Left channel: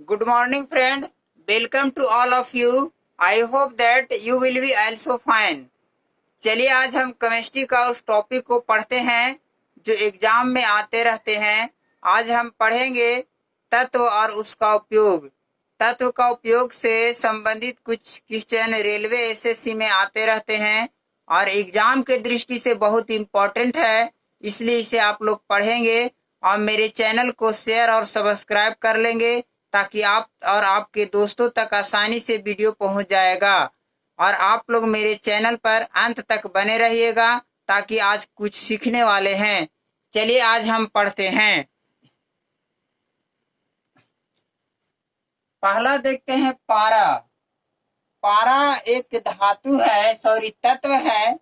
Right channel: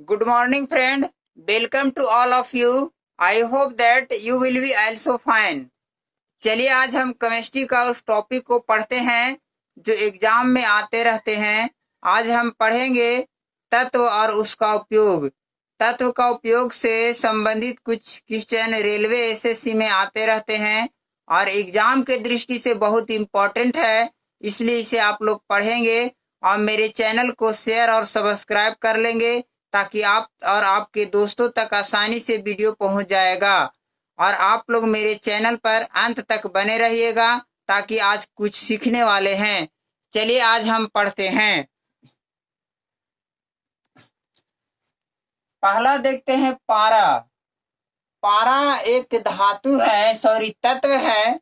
Good morning, friend. Welcome to all of you. I hope that you will be also fine. चलिए आज हम chemistry का उस topic को पढ़ते हैं जो एग्जाम में आते रहते हैं। आज हम पढ़ेंगे तत्व और उसका उपयोग। तत्व का उपयोग से संबंधित कुछ क्वेश्चन रेलवे एसएससी में आते रहते हैं और एग्जाम के दृष्टि से बहुत इम्पोर्टेंट है, इसलिए इसे आप लोग पढ़ेंगे और मेरे चैनल को शेयर और सब्सक्राइब कर लेंगे ताकि आप और आपके दोस्तों तक आसानी से वीडियो पहुंच जाएगा। और आप लोग मेरे चैनल पर अंत तक बने रहिएगा ताकि आज कुछ सीखने वाले हैं। चलिए आज हम पढ़ते हैं। पहला देखते हैं पारा। पारा एक धातु है, तत्व है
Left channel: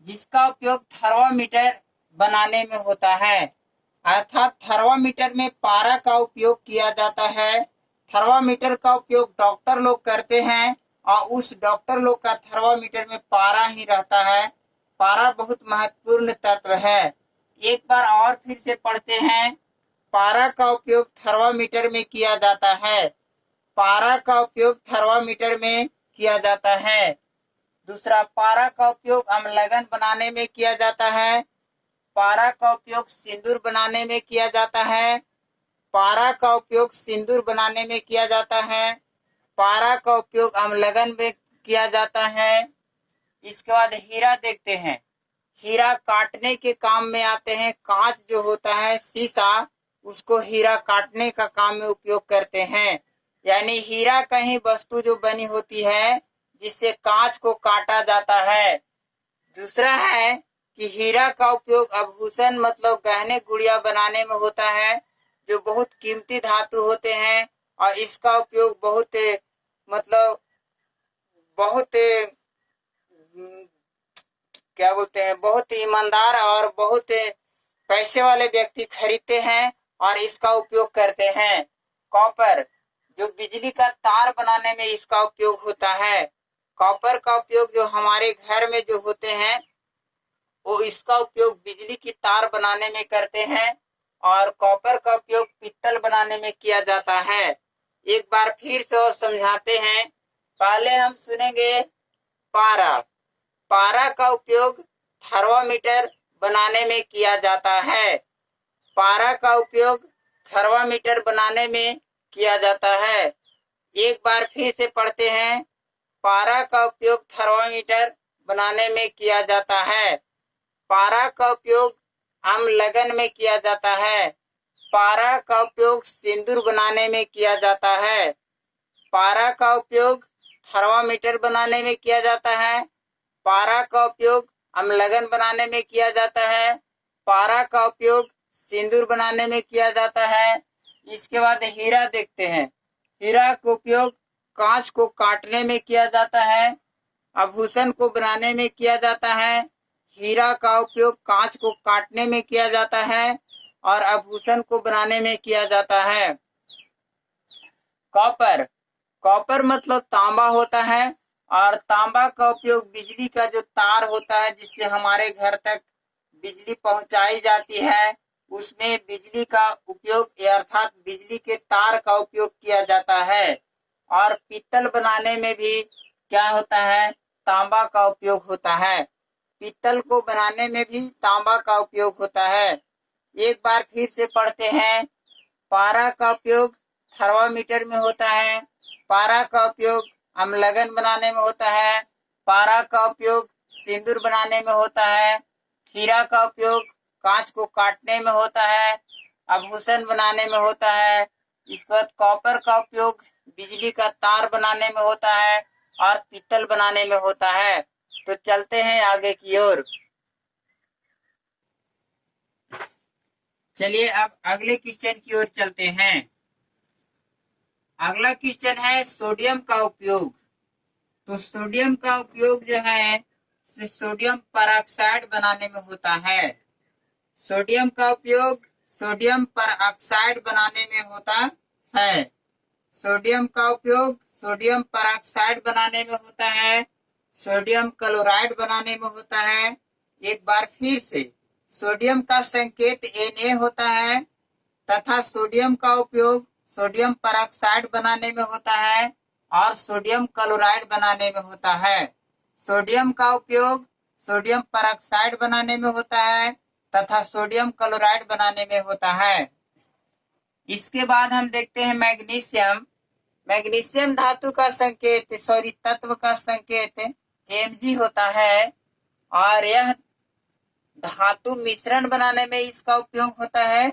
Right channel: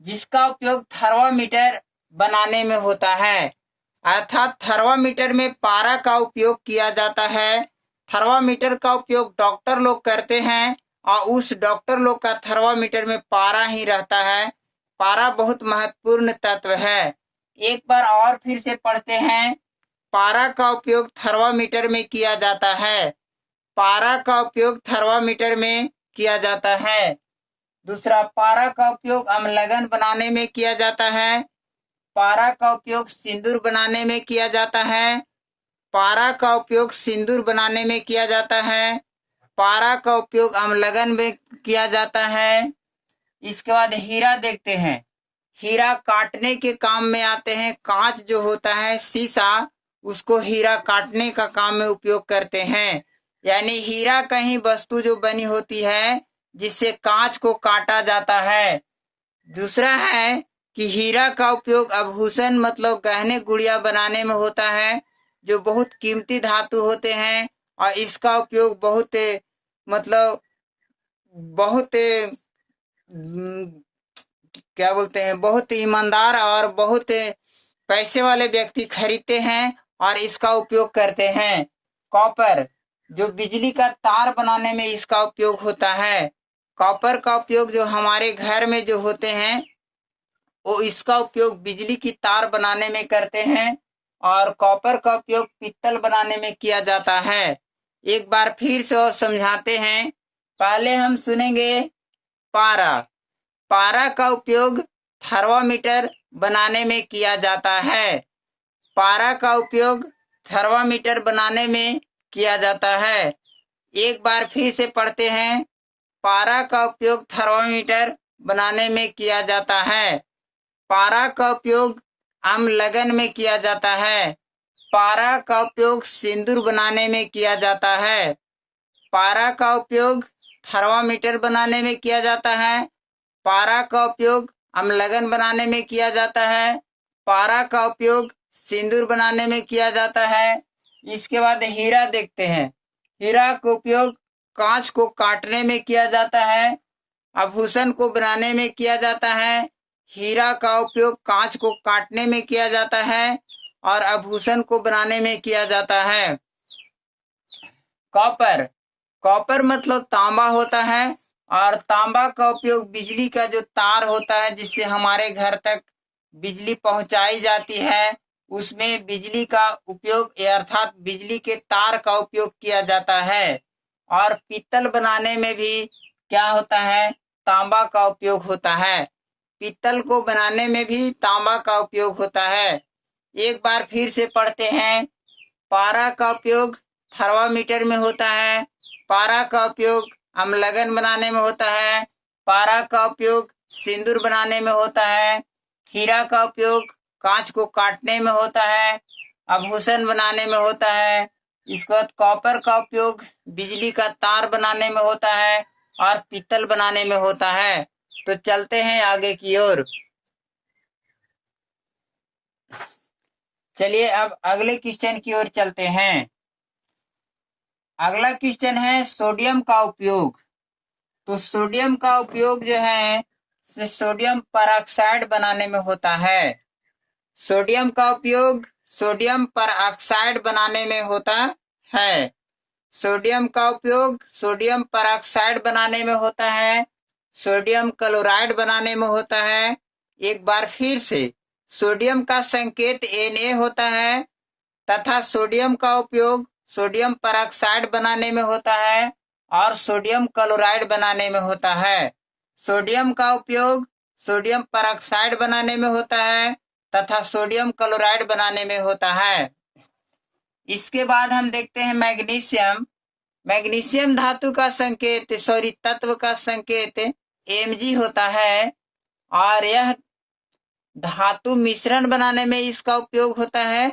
जिसका उपयोग थर्मामीटर बनाने में होता है। अर्थात थर्मामीटर में पारा का उपयोग किया जाता है। थर्मामीटर का उपयोग डॉक्टर लोग करते हैं और उस डॉक्टर लोग का थर्मामीटर में पारा ही रहता है। पारा बहुत महत्वपूर्ण तत्व है। एक बार और फिर से पढ़ते हैं। पारा का उपयोग थर्मामीटर में किया जाता है। पारा का उपयोग थर्मामीटर में किया जाता है। दूसरा, पारा का उपयोग अम्लगन बनाने में किया जाता है। पारा का उपयोग सिंदूर बनाने में किया जाता है। पारा का उपयोग सिंदूर बनाने में किया जाता है। पारा का उपयोग अम्लगन में किया जाता है। इसके बाद हीरा देखते हैं। हीरा काटने के काम में आते हैं। कांच जो होता है, शीशा, उसको हीरा काटने का काम में उपयोग करते हैं। यानी हीरा कहीं वस्तु जो बनी होती है जिससे कांच को काटा जाता है। दूसरा है कि हीरा का उपयोग आभूषण मतलब गहने गुड़िया बनाने में होता है जो बहुत कीमती धातु होते हैं और इसका उपयोग बहुत बहुत ईमानदार और बहुत पैसे वाले व्यक्ति खरीदते हैं और इसका उपयोग करते हैं। कॉपर जो बिजली का तार बनाने में इसका उपयोग होता है। कॉपर का उपयोग जो हमारे घर में जो होते हैं वो इसका उपयोग बिजली की तार बनाने में करते हैं और कॉपर का उपयोग पीतल बनाने में किया जाता है। एक बार फिर से और समझाते हैं। पहले हम सुनेंगे पारा। पारा का उपयोग थर्मामीटर बनाने में किया जाता है। पारा का उपयोग थर्मामीटर बनाने में किया जाता है। एक बार फिर से पढ़ते हैं। पारा का उपयोग थर्मामीटर बनाने में किया जाता है। पारा का उपयोग अम्लगन में किया जाता है। पारा का उपयोग सिंदूर बनाने में किया जाता है। पारा का उपयोग थर्मामीटर बनाने में किया जाता है। पारा का उपयोग अम्लगन बनाने में किया जाता है। पारा का उपयोग सिंदूर बनाने में किया जाता है। इसके बाद हीरा देखते हैं। हीरा का उपयोग कांच को काटने में किया जाता है। आभूषण को बनाने में किया जाता है। हीरा का उपयोग कांच को काटने में किया जाता है और आभूषण को बनाने में किया जाता है। कॉपर। कॉपर मतलब तांबा होता है और तांबा का उपयोग बिजली का जो तार होता है जिससे हमारे घर तक बिजली पहुंचाई जाती है उसमें बिजली का उपयोग अर्थात बिजली के तार का उपयोग किया जाता है। और पीतल बनाने में भी क्या होता है, तांबा का उपयोग होता है। पीतल को बनाने में भी तांबा का उपयोग होता है। एक बार फिर से पढ़ते हैं। पारा का उपयोग थर्मामीटर में होता है। पारा का उपयोग अम्लगन बनाने में होता है। पारा का उपयोग सिंदूर बनाने में होता है। हीरा का उपयोग कांच को काटने में होता है, आभूषण बनाने में होता है। इसके बाद कॉपर का उपयोग बिजली का तार बनाने में होता है और पीतल बनाने में होता है। तो चलते हैं आगे की ओर। चलिए अब अगले क्वेश्चन की ओर चलते हैं। अगला क्वेश्चन है सोडियम का उपयोग। तो सोडियम का उपयोग जो है सोडियम परऑक्साइड बनाने में होता है। सोडियम का उपयोग सोडियम परऑक्साइड बनाने में होता है। सोडियम का उपयोग सोडियम परऑक्साइड बनाने में होता है। सोडियम क्लोराइड बनाने में होता है। एक बार फिर से सोडियम का संकेत Na होता है तथा सोडियम का उपयोग सोडियम परऑक्साइड बनाने में होता है और सोडियम क्लोराइड बनाने में होता है। सोडियम का उपयोग सोडियम परऑक्साइड बनाने में होता है तथा सोडियम क्लोराइड बनाने में होता है। इसके बाद हम देखते हैं मैग्नीशियम। मैग्नीशियम धातु का संकेत तत्व का संकेत Mg होता है और यह धातु मिश्रण बनाने में इसका उपयोग होता है।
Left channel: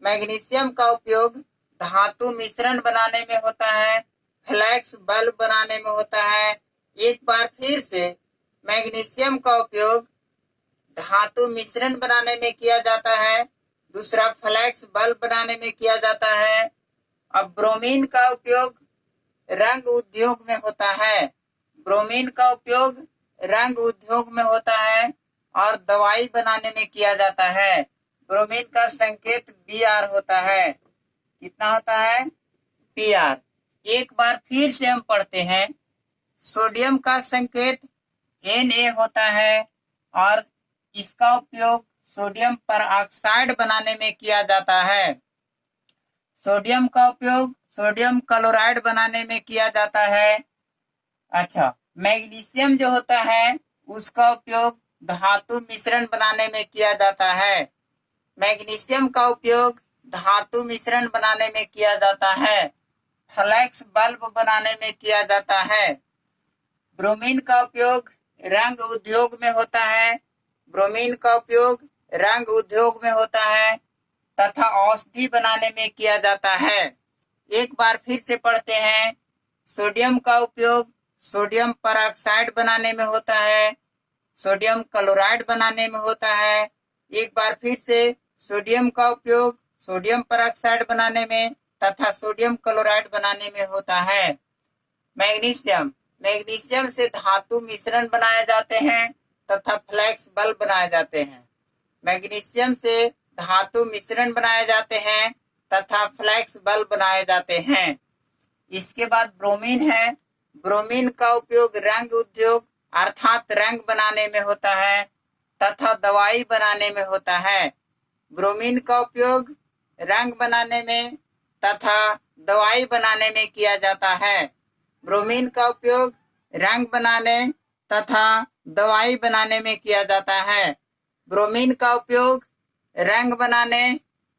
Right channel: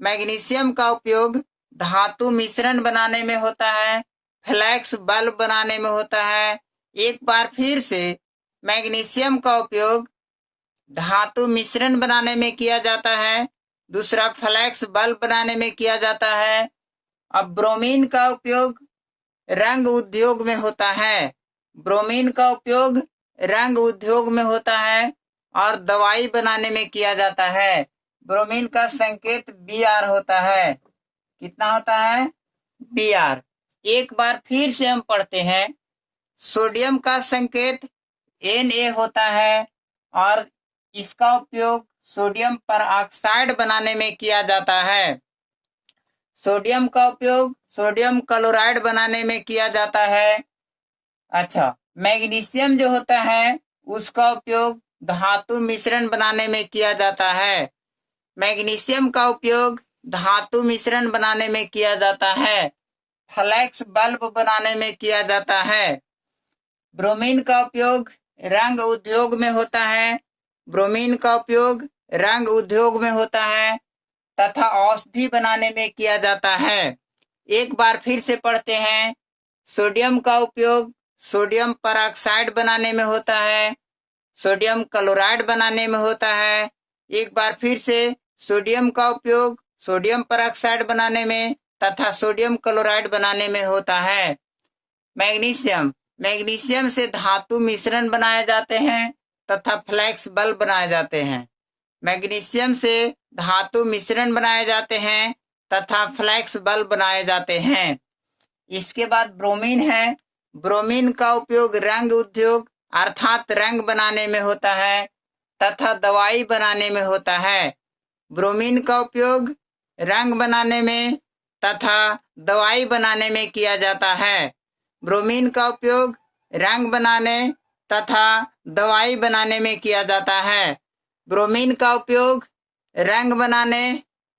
मैग्नीशियम का उपयोग धातु मिश्रण बनाने में होता है, फ्लैक्स बल्ब बनाने में होता है। एक बार फिर से मैग्नीशियम का उपयोग धातु मिश्रण बनाने में किया जाता है, दूसरा फ्लैक्स बल्ब बनाने में किया जाता है। अब ब्रोमीन का उपयोग रंग उद्योग में होता है। ब्रोमीन का उपयोग रंग उद्योग में होता है और दवाई बनाने में किया जाता है। ब्रोमीन का संकेत Br होता है। कितना होता है? Br। एक बार फिर से हम पढ़ते हैं। सोडियम का संकेत Na होता है और इसका उपयोग सोडियम परऑक्साइड बनाने में किया जाता है। सोडियम का उपयोग सोडियम क्लोराइड बनाने में किया जाता है। अच्छा, मैग्नीशियम जो होता है उसका उपयोग धातु मिश्रण बनाने में किया जाता है। मैग्नीशियम का उपयोग धातु मिश्रण बनाने में किया जाता है, फ्लैक्स बल्ब बनाने में किया जाता है। ब्रोमीन का उपयोग रंग उद्योग में होता है। ब्रोमीन का उपयोग रंग उद्योग में होता है तथा औषधि बनाने में किया जाता है। एक बार फिर से पढ़ते हैं। सोडियम का उपयोग सोडियम परऑक्साइड बनाने में होता है, सोडियम क्लोराइड बनाने में होता है। एक बार फिर से सोडियम का उपयोग सोडियम परऑक्साइड बनाने में तथा सोडियम क्लोराइड बनाने में होता है। मैग्नीशियम मैग्नीशियम से धातु मिश्रण बनाए जाते हैं तथा फ्लैक्स बल्ब बनाए जाते हैं। मैग्नीशियम से धातु मिश्रण बनाए जाते हैं तथा फ्लैक्स बल्ब बनाए जाते हैं। इसके बाद ब्रोमीन है। ब्रोमीन का उपयोग रंग उद्योग अर्थात रंग बनाने में होता है तथा दवाई बनाने में होता है। ब्रोमीन का उपयोग रंग बनाने में तथा दवाई बनाने में किया जाता है। ब्रोमीन का उपयोग रंग बनाने तथा दवाई बनाने में किया जाता है। ब्रोमीन का उपयोग रंग बनाने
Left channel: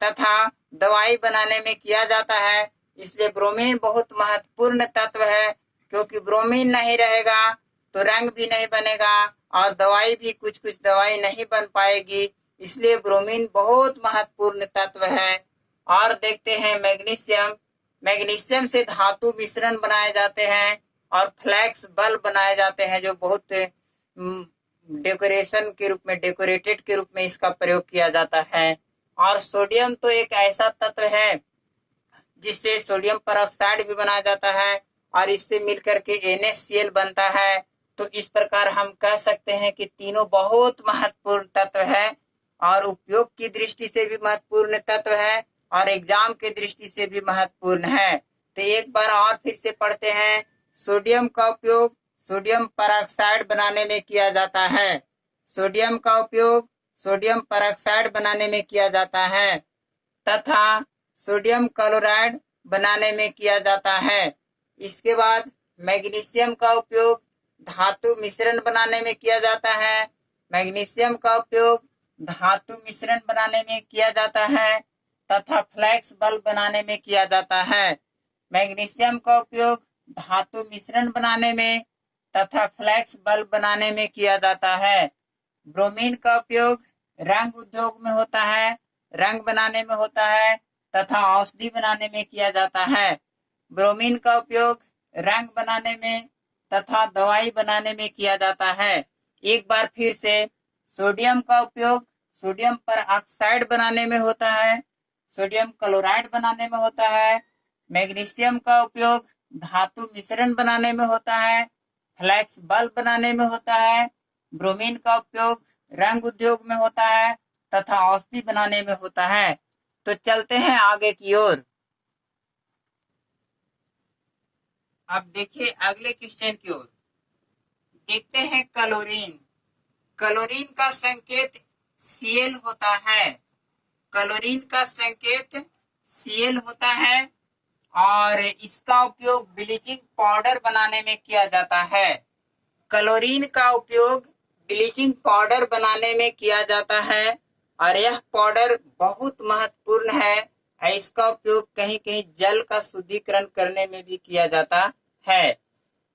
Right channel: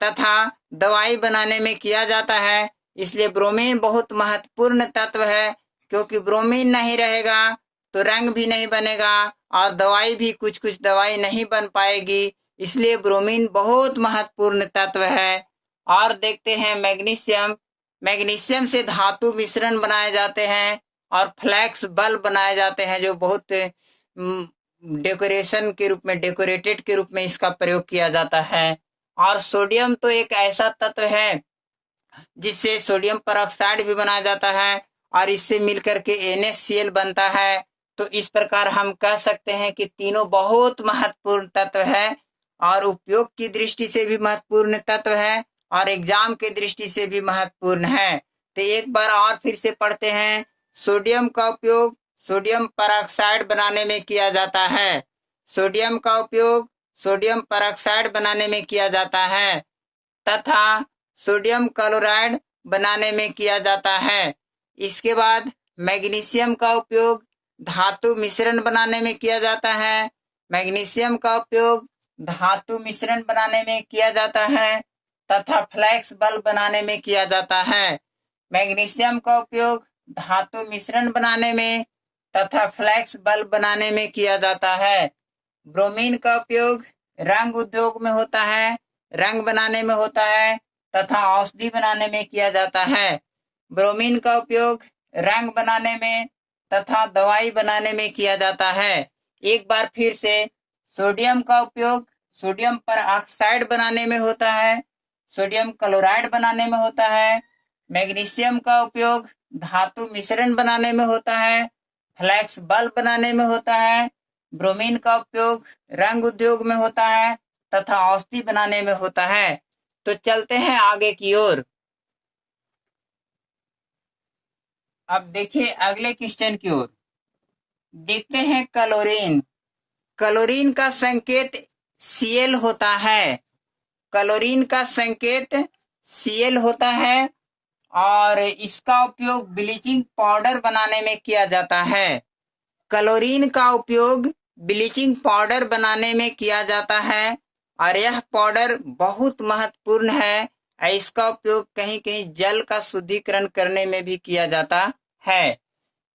तथा दवाई बनाने में किया जाता है। इसलिए ब्रोमीन बहुत महत्वपूर्ण तत्व है, क्योंकि ब्रोमीन नहीं रहेगा तो रंग भी नहीं बनेगा और दवाई भी कुछ कुछ दवाई नहीं बन पाएगी। इसलिए ब्रोमीन बहुत महत्वपूर्ण तत्व है। और देखते हैं मैग्नीशियम। मैग्नीशियम से धातु मिश्रण बनाए जाते हैं और फ्लैक्स बल्ब बनाए जाते हैं, जो बहुत डेकोरेशन के रूप में डेकोरेटेड के रूप में इसका प्रयोग किया जाता है। और सोडियम तो एक ऐसा तत्व है जिससे सोडियम परऑक्साइड भी बनाया जाता है और इससे मिलकर के NaCl बनता है। तो इस प्रकार हम कह सकते हैं कि तीनों बहुत महत्वपूर्ण तत्व है और उपयोग की दृष्टि से भी महत्वपूर्ण तत्व है और एग्जाम के दृष्टि से भी महत्वपूर्ण है। तो एक बार और फिर से पढ़ते हैं। सोडियम का उपयोग सोडियम परऑक्साइड बनाने में किया जाता है। सोडियम का उपयोग सोडियम परऑक्साइड बनाने में किया जाता है तथा सोडियम क्लोराइड बनाने में किया जाता है। इसके बाद मैग्नीशियम का उपयोग धातु मिश्रण बनाने में किया जाता है। मैग्नीशियम का उपयोग धातु मिश्रण बनाने में किया जाता है तथा फ्लैक्स बल्ब बनाने में किया जाता है। मैग्नीशियम का उपयोग धातु मिश्रण बनाने में तथा फ्लैक्स बल्ब बनाने में किया जाता है। ब्रोमीन का उपयोग रंग उद्योग में होता है, रंग बनाने में होता है तथा औषधि बनाने में किया जाता है। ब्रोमीन का उपयोग रंग बनाने में तथा दवाई बनाने में किया जाता है। एक बार फिर से सोडियम का उपयोग सोडियम परऑक्साइड बनाने में होता है, सोडियम क्लोराइड बनाने में होता है। मैग्नीशियम का उपयोग धातु मिश्रण बनाने में होता है, फ्लैक्स बल्ब बनाने में होता है। ब्रोमीन का उपयोग रंग उद्योग में होता है तथा औषधि बनाने में होता है। तो चलते हैं आगे की ओर। अब देखिए अगले क्वेश्चन की ओर। देखते हैं क्लोरीन। क्लोरीन का संकेत Cl होता है। क्लोरीन का संकेत Cl होता है और इसका उपयोग ब्लीचिंग पाउडर बनाने में किया जाता है। क्लोरीन का उपयोग ब्लीचिंग पाउडर बनाने में किया जाता है और यह पाउडर बहुत महत्वपूर्ण है। इसका उपयोग कहीं कहीं जल का शुद्धिकरण करने में भी किया जाता है।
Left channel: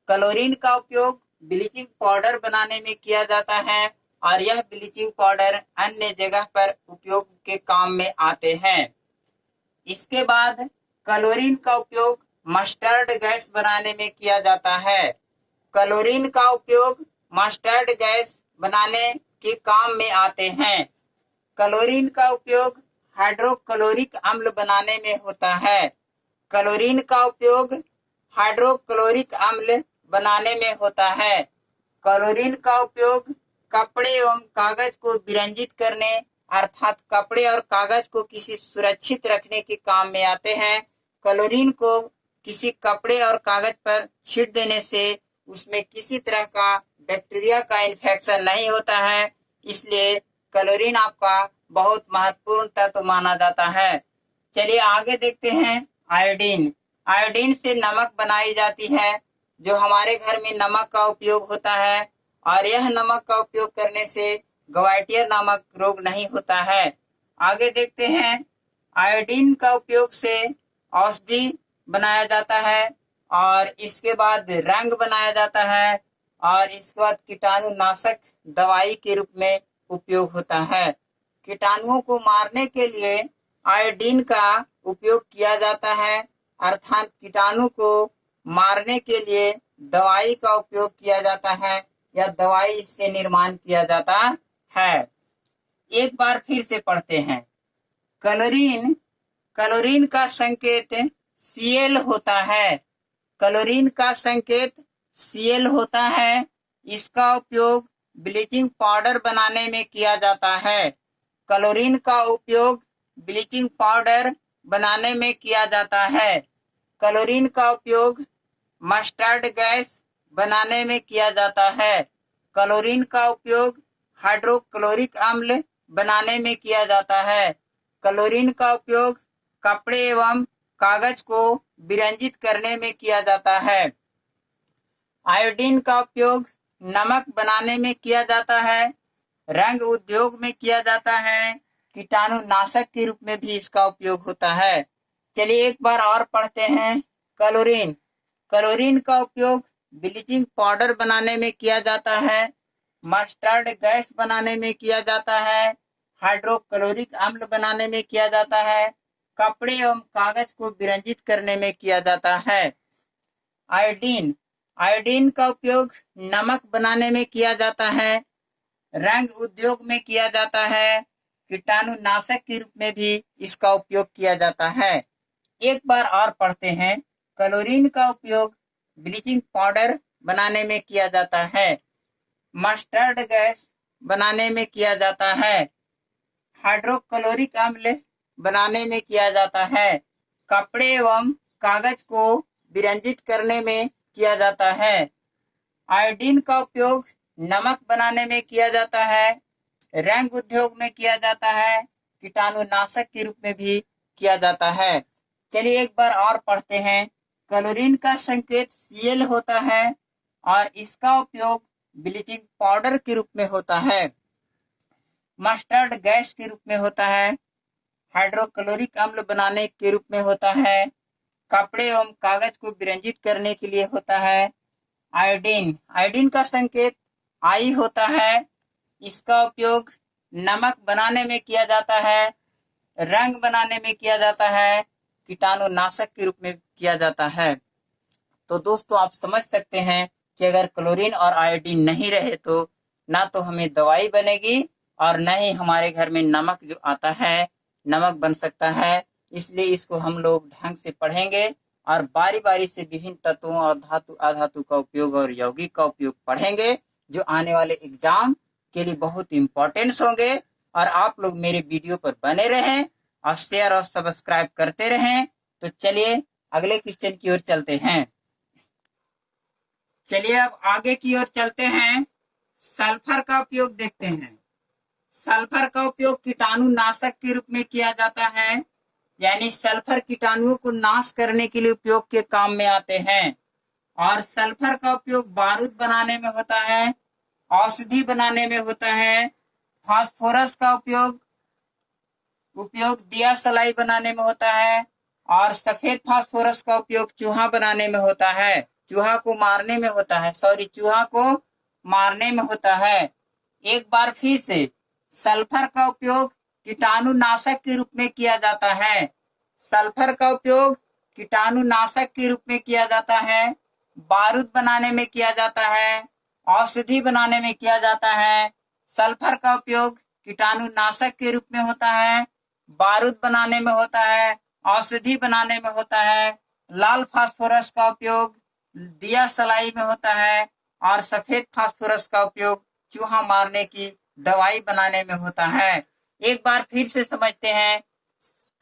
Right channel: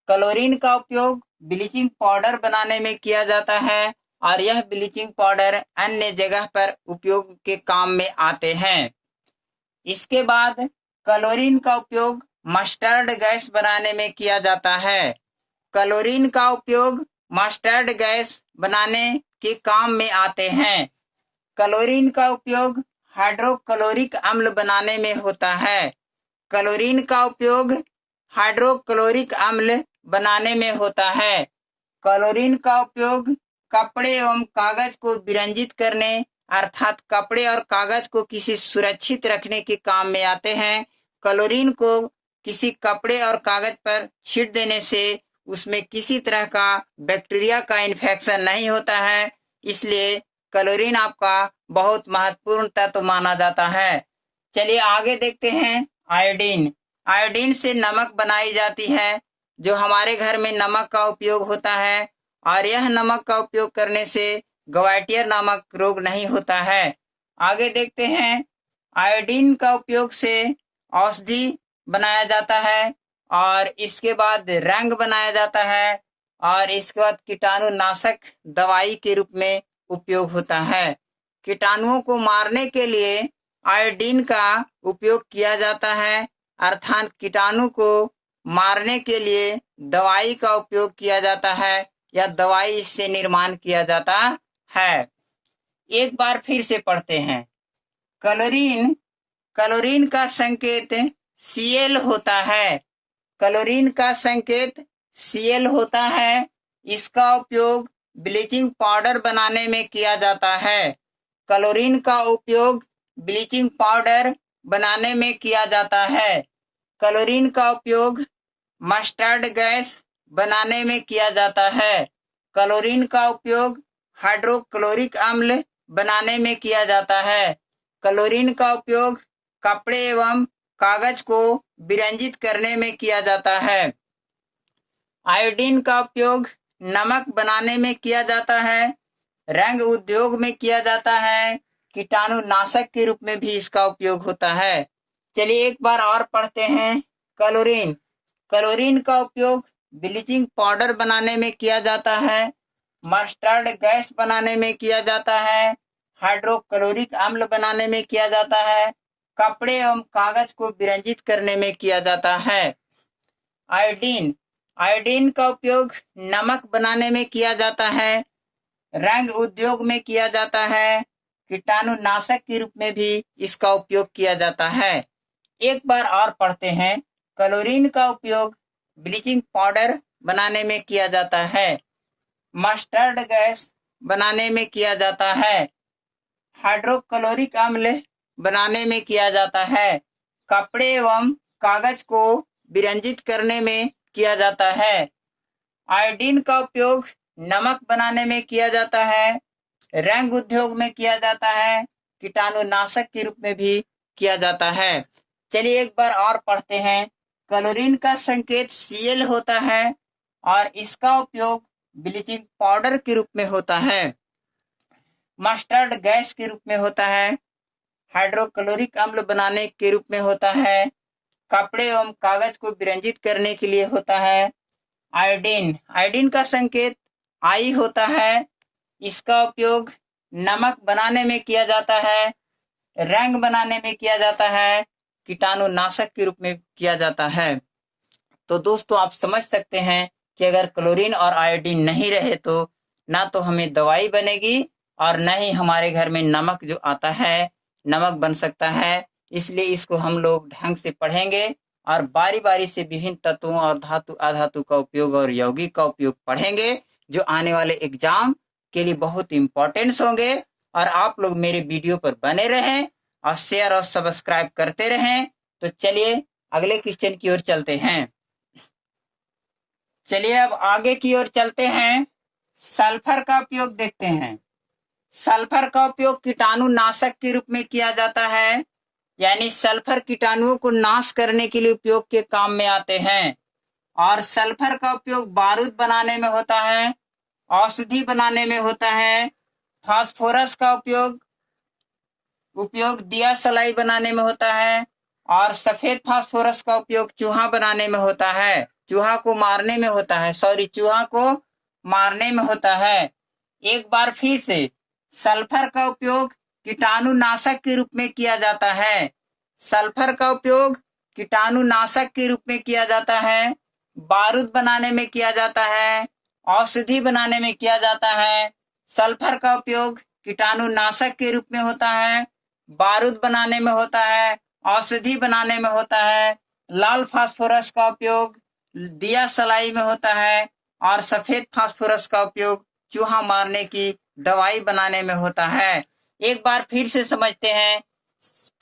क्लोरीन का उपयोग ब्लीचिंग पाउडर बनाने में किया जाता है और यह ब्लीचिंग पाउडर अन्य जगह पर उपयोग के काम में आते हैं। इसके बाद क्लोरीन का उपयोग मस्टर्ड गैस बनाने में किया जाता है। क्लोरीन का उपयोग मस्टर्ड गैस बनाने के काम में आते हैं। क्लोरीन का उपयोग हाइड्रोक्लोरिक अम्ल बनाने में होता है। क्लोरीन का उपयोग हाइड्रोक्लोरिक अम्ल बनाने में होता है। क्लोरीन का उपयोग कपड़े एवं कागज को विरंजित करने अर्थात कपड़े और कागज को किसी सुरक्षित रखने के काम में आते हैं। क्लोरीन को किसी कपड़े और कागज पर छींट देने से उसमें किसी तरह का बैक्टीरिया का इन्फेक्शन नहीं होता है, इसलिए क्लोरीन आपका बहुत महत्वपूर्ण तत्व माना जाता है। चलिए आगे देखते हैं आयोडीन। आयोडीन से नमक बनाई जाती है, जो हमारे घर में नमक का उपयोग होता है और यह नमक का उपयोग करने से ग्वाइटियर नामक रोग नहीं होता है। आगे देखते हैं आयोडीन का उपयोग से औषधि बनाया जाता है और इसके बाद रंग बनाया जाता है और इसके बाद कीटाणुनाशक दवाई के रूप में उपयोग होता है। कीटाणुओं को मारने के लिए आयोडीन का उपयोग किया जाता है, अर्थात कीटाणु को मारने के लिए दवाई का उपयोग किया जाता है या दवाई से निर्माण किया जाता है। एक बार फिर से पढ़ते हैं। क्लोरीन क्लोरीन का संकेत Cl होता है। क्लोरीन का संकेत Cl होता है। इसका उपयोग ब्लीचिंग पाउडर बनाने में किया जाता है। क्लोरीन का उपयोग ब्लीचिंग पाउडर बनाने में किया जाता है। क्लोरीन का उपयोग मस्टर्ड गैस बनाने में किया जाता है। क्लोरीन का उपयोग हाइड्रोक्लोरिक अम्ल बनाने में किया जाता है। क्लोरीन का उपयोग कपड़े एवं कागज को विरंजित करने में किया जाता है। आयोडीन का उपयोग नमक बनाने में किया जाता है, रंग उद्योग में किया जाता है, कीटाणुनाशक के रूप में भी इसका उपयोग होता है। चलिए एक बार और पढ़ते हैं। क्लोरीन क्लोरीन का उपयोग ब्लीचिंग पाउडर बनाने में किया जाता है, मस्टर्ड गैस बनाने में किया जाता है, हाइड्रोक्लोरिक अम्ल बनाने में किया जाता है, कपड़े एवं कागज को विरंजित करने में किया जाता है। आयोडीन आयोडीन का उपयोग नमक बनाने में किया जाता है, रंग उद्योग में किया जाता है, कीटाणुनाशक के रूप में भी इसका उपयोग किया जाता है। एक बार और पढ़ते हैं। क्लोरीन का उपयोग ब्लीचिंग पाउडर बनाने में किया जाता है, मस्टर्ड गैस बनाने में किया जाता है, हाइड्रोक्लोरिक अम्ल बनाने में किया जाता है, कपड़े एवं कागज को विरंजित करने में किया जाता है। आयोडीन का उपयोग नमक बनाने में किया जाता है, रंग उद्योग में किया जाता है, कीटाणुनाशक के रूप में भी किया जाता है। चलिए एक बार और पढ़ते हैं। क्लोरीन का संकेत Cl होता है और इसका उपयोग ब्लीचिंग पाउडर के रूप में होता है, मस्टर्ड गैस के रूप में होता है, हाइड्रोक्लोरिक अम्ल बनाने के रूप में होता है, कपड़े एवं कागज को विरंजित करने के लिए होता है। आयोडीन आयोडीन का संकेत I होता है। इसका उपयोग नमक बनाने में किया जाता है, रंग बनाने में किया जाता है, कीटाणुनाशक के रूप में किया जाता है। तो दोस्तों आप समझ सकते हैं कि अगर क्लोरीन और आयोडीन नहीं रहे तो ना तो हमें दवाई बनेगी और न ही हमारे घर में नमक जो आता है नमक बन सकता है। इसलिए इसको हम लोग ढंग से पढ़ेंगे और बारी बारी से विभिन्न तत्वों और धातु अधातु का उपयोग और यौगिक का उपयोग पढ़ेंगे, जो आने वाले एग्जाम के लिए बहुत इंपॉर्टेंस होंगे। और आप लोग मेरे वीडियो पर बने रहें और शेयर और सब्सक्राइब करते रहें। तो चलिए अगले क्वेश्चन की ओर चलते हैं। चलिए अब आगे की ओर चलते हैं। सल्फर का उपयोग देखते हैं। सल्फर का उपयोग कीटाणुनाशक के रूप में किया जाता है। यानी सल्फर कीटाणुओं को नाश करने के लिए उपयोग के काम में आते हैं। और सल्फर का उपयोग बारूद बनाने में होता है, औषधि बनाने में होता है। फास्फोरस का उपयोग दिया सलाई बनाने में होता है। और सफेद फास्फोरस का उपयोग चूहा बनाने में होता है, चूहा को मारने में होता है, चूहा को मारने में होता है। एक बार फिर से सल्फर का उपयोग कीटाणुनाशक के रूप में किया जाता है। सल्फर का उपयोग कीटाणुनाशक के रूप में किया जाता है, बारूद बनाने में किया जाता है, औषधि बनाने में किया जाता है। सल्फर का उपयोग कीटाणुनाशक के रूप में होता है, बारूद बनाने में होता है, औषधि बनाने में होता है। लाल फास्फोरस का उपयोग दिया सलाई में होता है और सफेद फास्फोरस का उपयोग चूहा मारने की दवाई बनाने में होता है। एक बार फिर से समझते हैं।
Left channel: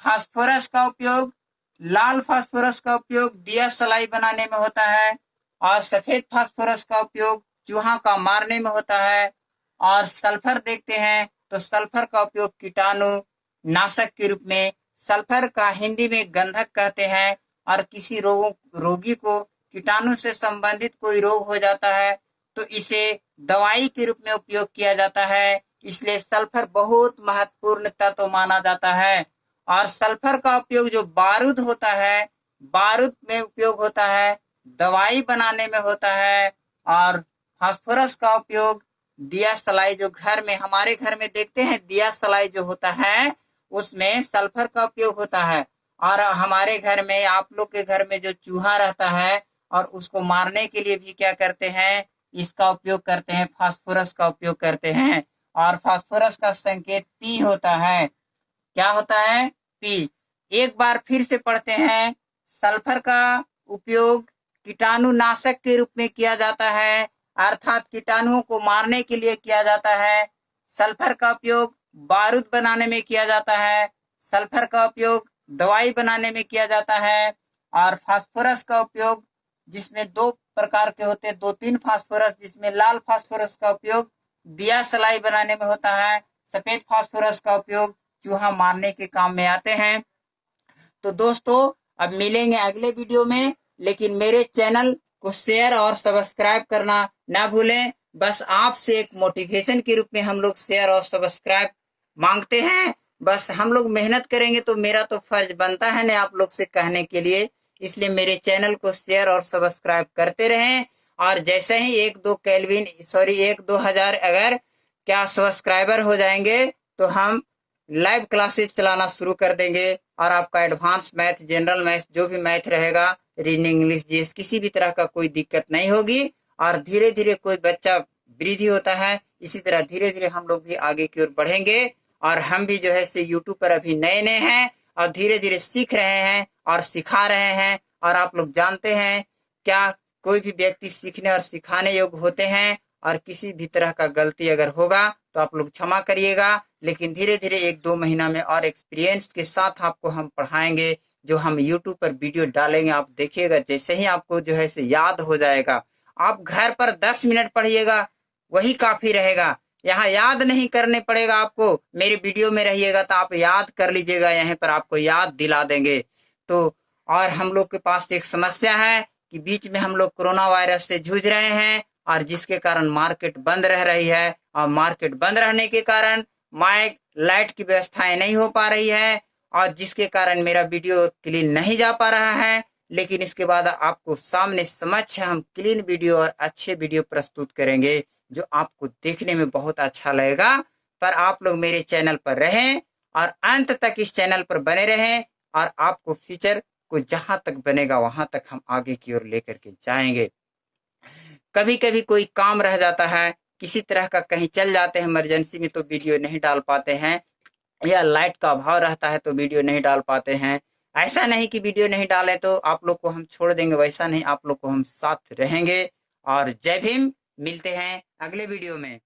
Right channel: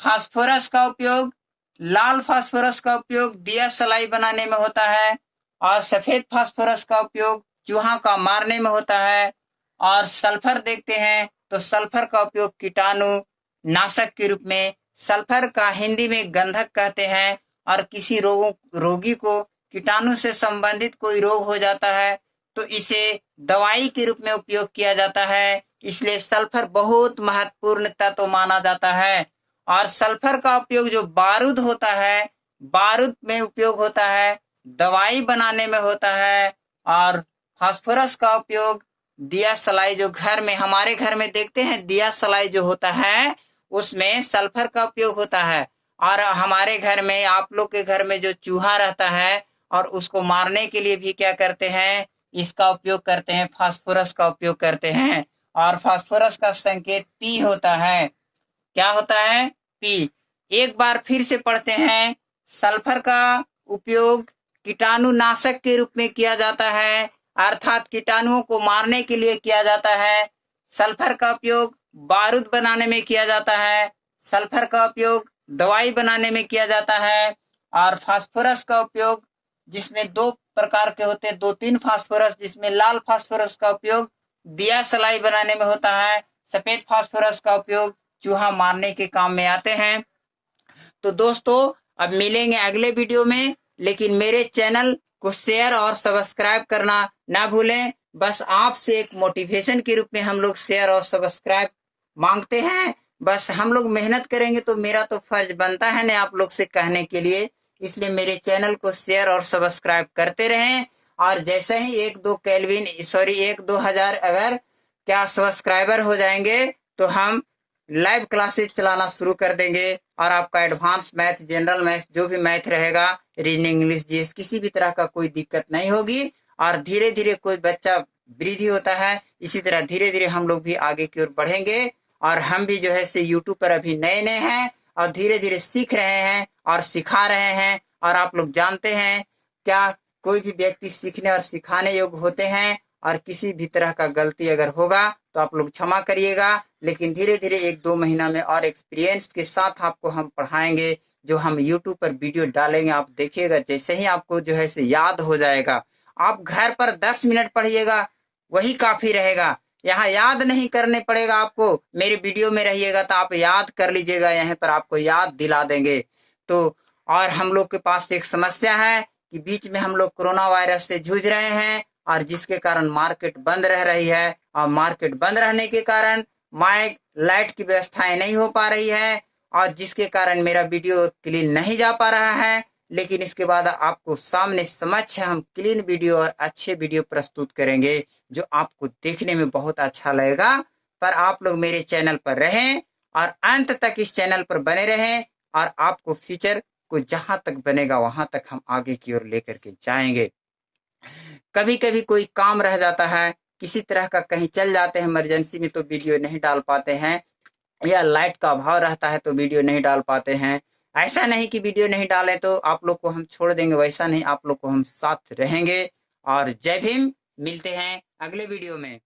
फास्फोरस का उपयोग, लाल फास्फोरस का उपयोग दिया सलाई बनाने में होता है और सफेद फास्फोरस का उपयोग चूहा का मारने में होता है। और सल्फर देखते हैं तो सल्फर का उपयोग कीटाणु नाशक के रूप में, सल्फर का हिंदी में गंधक कहते हैं। और किसी रोगी को कीटाणु से संबंधित कोई रोग हो जाता है तो इसे दवाई के रूप में उपयोग किया जाता है। इसलिए सल्फर बहुत महत्वपूर्ण तत्व माना जाता है। और सल्फर का उपयोग जो बारूद होता है, बारूद में उपयोग होता है, दवाई बनाने में होता है। और फास्फोरस का उपयोग दिया सलाई, जो घर में हमारे घर में देखते हैं दिया सलाई जो होता है उसमें सल्फर का उपयोग होता है। और हमारे घर में, आप लोग के घर में जो चूहा रहता है और उसको मारने के लिए भी क्या करते हैं, इसका उपयोग करते हैं, फास्फोरस का उपयोग करते हैं। और फास्फोरस का संकेत पी होता है। क्या होता है? पी। एक बार फिर से पढ़ते हैं। सल्फर का उपयोग कीटाणुनाशक के रूप में किया जाता है, अर्थात कीटाणुओं को मारने के लिए किया जाता है। सल्फर का उपयोग बारूद बनाने में किया जाता है, सल्फर का उपयोग दवाई बनाने में किया जाता है। और फास्फोरस का उपयोग, जिसमें दो प्रकार के होते हैं, 2-3 फास्फोरस, जिसमें लाल फास्फोरस का उपयोग दिया सलाई बनाने में होता है, सफेद फास्फोरस का उपयोग चूहा मारने के काम में आते हैं। तो दोस्तों अब मिलेंगे अगले वीडियो में, लेकिन मेरे चैनल को शेयर और सब्सक्राइब करना ना भूलें। बस आपसे एक मोटिवेशन के रूप में हम लोग शेयर और सब्सक्राइब मांगते हैं। बस हम लोग मेहनत करेंगे तो मेरा तो फर्ज बनता है ना आप लोग से कहने के लिए। इसलिए मेरे चैनल को शेयर और सब्सक्राइब करते रहें। और जैसे ही 1-2 हजार अगर क्या सब्सक्राइबर हो जाएंगे तो हम लाइव क्लासेस चलाना शुरू कर देंगे। और आपका एडवांस मैथ, जनरल मैथ, जो भी मैथ रहेगा, रीजनिंग, इंग्लिश, जीएस, किसी भी तरह का कोई दिक्कत नहीं होगी। और धीरे धीरे कोई बच्चा वृद्धि होता है, इसी तरह धीरे धीरे हम लोग भी आगे की ओर बढ़ेंगे। और हम भी जो है से यूट्यूब पर अभी नए नए हैं और धीरे धीरे सीख रहे हैं और सिखा रहे हैं। और आप लोग जानते हैं क्या, कोई भी व्यक्ति सीखने और सिखाने योग्य होते हैं। और किसी भी तरह का गलती अगर होगा तो आप लोग क्षमा करिएगा। लेकिन धीरे धीरे 1-2 महीना में और एक्सपीरियंस के साथ आपको हम पढ़ाएंगे। जो हम यूट्यूब पर वीडियो डालेंगे आप देखिएगा, जैसे ही आपको जो है से याद हो जाएगा, आप घर पर 10 मिनट पढ़िएगा, वही काफी रहेगा। यहाँ याद नहीं करने पड़ेगा आपको, मेरे वीडियो में रहिएगा तो आप याद कर लीजिएगा, यहाँ पर आपको याद दिला देंगे। तो और हम लोग के पास एक समस्या है कि बीच में हम लोग कोरोना वायरस से जूझ रहे हैं और जिसके कारण मार्केट बंद रह रही है। और मार्केट बंद रहने के कारण माइक, लाइट की व्यवस्थाएं नहीं हो पा रही है और जिसके कारण मेरा वीडियो क्लीन नहीं जा पा रहा है। लेकिन इसके बाद आपको सामने समक्ष हम क्लीन वीडियो और अच्छे वीडियो प्रस्तुत करेंगे जो आपको देखने में बहुत अच्छा लगेगा। पर आप लोग मेरे चैनल पर रहें और अंत तक इस चैनल पर बने रहें और आपको फ्यूचर को जहां तक बनेगा वहां तक हम आगे की ओर लेकर के जाएंगे। कभी कभी कोई काम रह जाता है, किसी तरह का कहीं चल जाते हैं इमरजेंसी में तो वीडियो नहीं डाल पाते हैं, या लाइट का अभाव रहता है तो वीडियो नहीं डाल पाते हैं। ऐसा नहीं कि वीडियो नहीं डालें तो आप लोग को हम छोड़ देंगे, वैसा नहीं, आप लोग को हम साथ रहेंगे। और जय भीम, मिलते हैं अगले वीडियो में।